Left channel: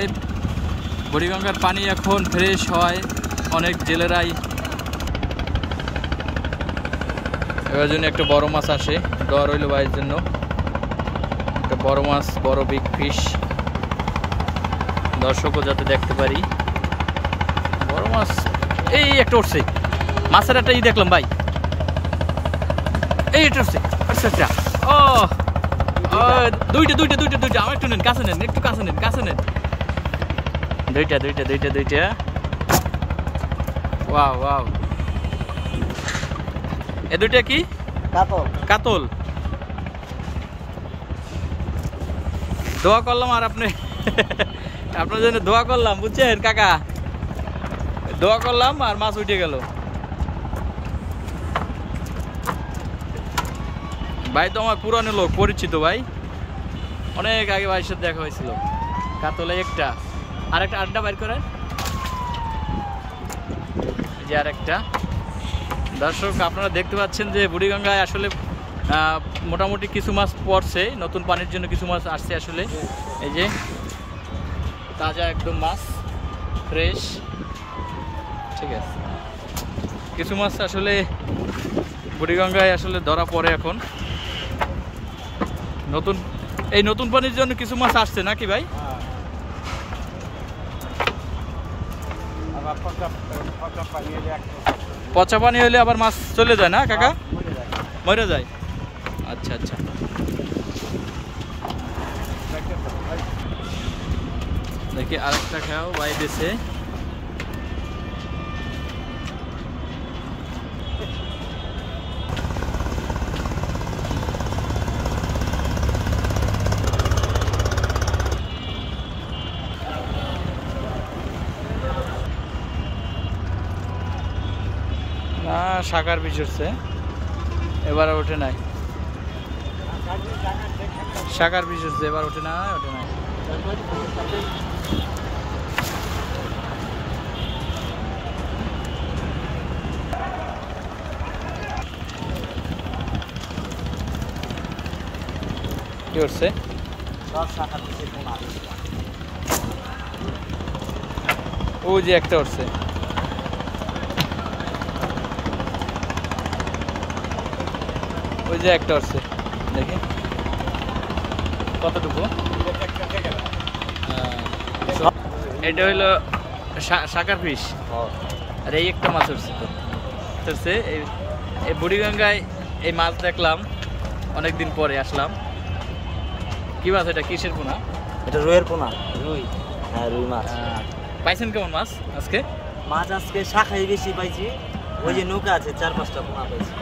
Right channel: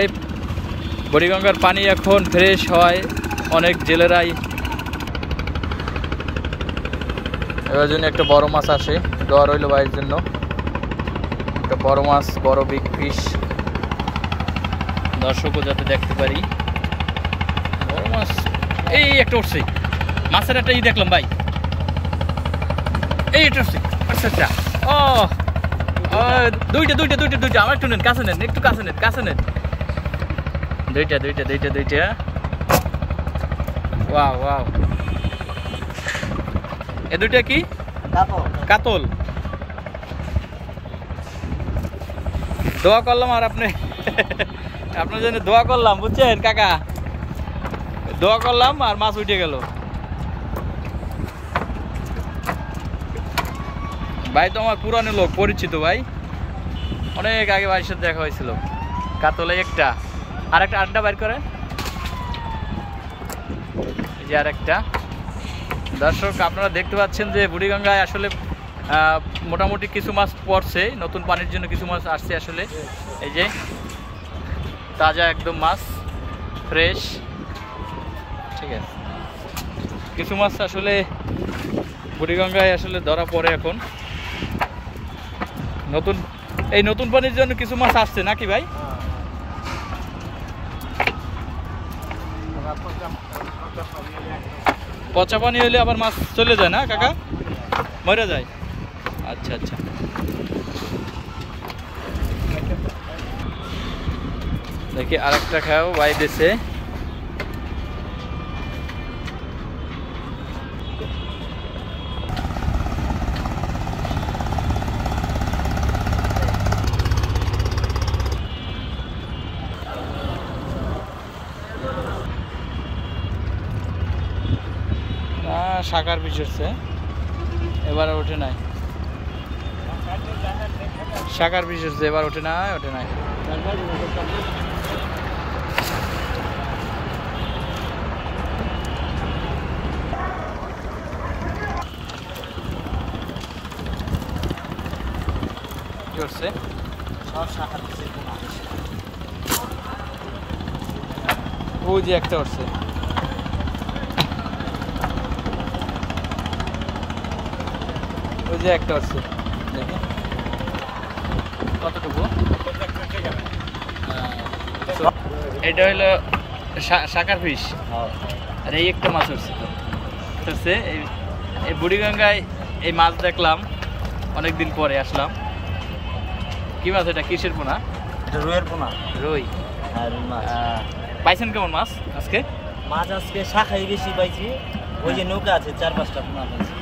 এই বুড়িগঙ্গার পানি এখন ফ্রেশ হয়, অনেক জেলেরাই এবার জন্য একটা বড় মাছ আসে, দর হইল ভাইয়ের জন্য একটা বড় মাছ, বড় বিগ ফিশ, দর্শকও যাতে দেখতে পারি বড় মাছ। এই একটা উঠছে মাছের একটা দেখলাম ভাই, এই এটা উঠছে। আচ্ছা আচ্ছা, ও দুইটা দুইটা দুইটা দুইটা, আমার একটু নেন, কাছে নেন, একটু কাছে নেন, কাছে নেন, দুইটা দুইটা দুইটা দুইটা। ওয়াও ওয়াও, এ দুইটা কি? কাতল। দোয়া করলাম আর আপনি আপনার জন্য দোয়া করলাম, বুঝছেন কাকা, দোয়া করলাম আর মাছ উঠে গেল। ভাই তো আমার পুরানো লোক, পরিচিত ভাই, অনেক আগে ভাইয়ের সাথে দেখা হয়েছিল। কাতলে একটা, আর একটা আড্ডা বাইর করেন, এই যে আর একটা। দর্শক আপনারা দেখতে পাচ্ছেন যে বুড়িগঙ্গায় আসলে মোটামুটি কিছু মাছ পড়ছে, নতুন পানির জন্য কিছু মাছ আসছে আসলে। এই যে তাজা একদম মাছ, ফ্রেশ, ঠিক আছে। কিছু মাছ আসলে বুড়িগঙ্গায় আসলে ধরা পড়ে এখন, নতুন এই নতুন পানির জন্য কিছু মাছ আসছে নাকি ভাই? পচা পানি হইলে আবার মাছ চলে যায় না কাকা, মরে যায়? আচ্ছা আচ্ছা, দেখি আরেকটা খাও ভাই দেশে। শাকার পিস হচ্ছে, এবার ওঠে নাই, শাকার পিস হচ্ছে, এবার ওঠে নাই, ওঠে নাই। কি হচ্ছে? ওই যে একটা হচ্ছে, ওই যে একটা হচ্ছে, দেখে কতটুকু। এটা হইলো শাকার ফিশ, আর এই একটা মাছ হচ্ছে তো হচ্ছে। এই বুড়িগঙ্গায় এই মাছ দেখলাম, অনেকদিন পরে আসলাম। কি মাছ এটা? কিসের পোনা? এটা রুইয়ের পোনা। রুই? হ্যাঁ, রুই মাছ। পাইছেন কেমন মাছ আজকে? মাছ আজকে শাখাই বেশি পাইছি, ওই যে নৌকা আছে 4-5টা পোনা পাইছি।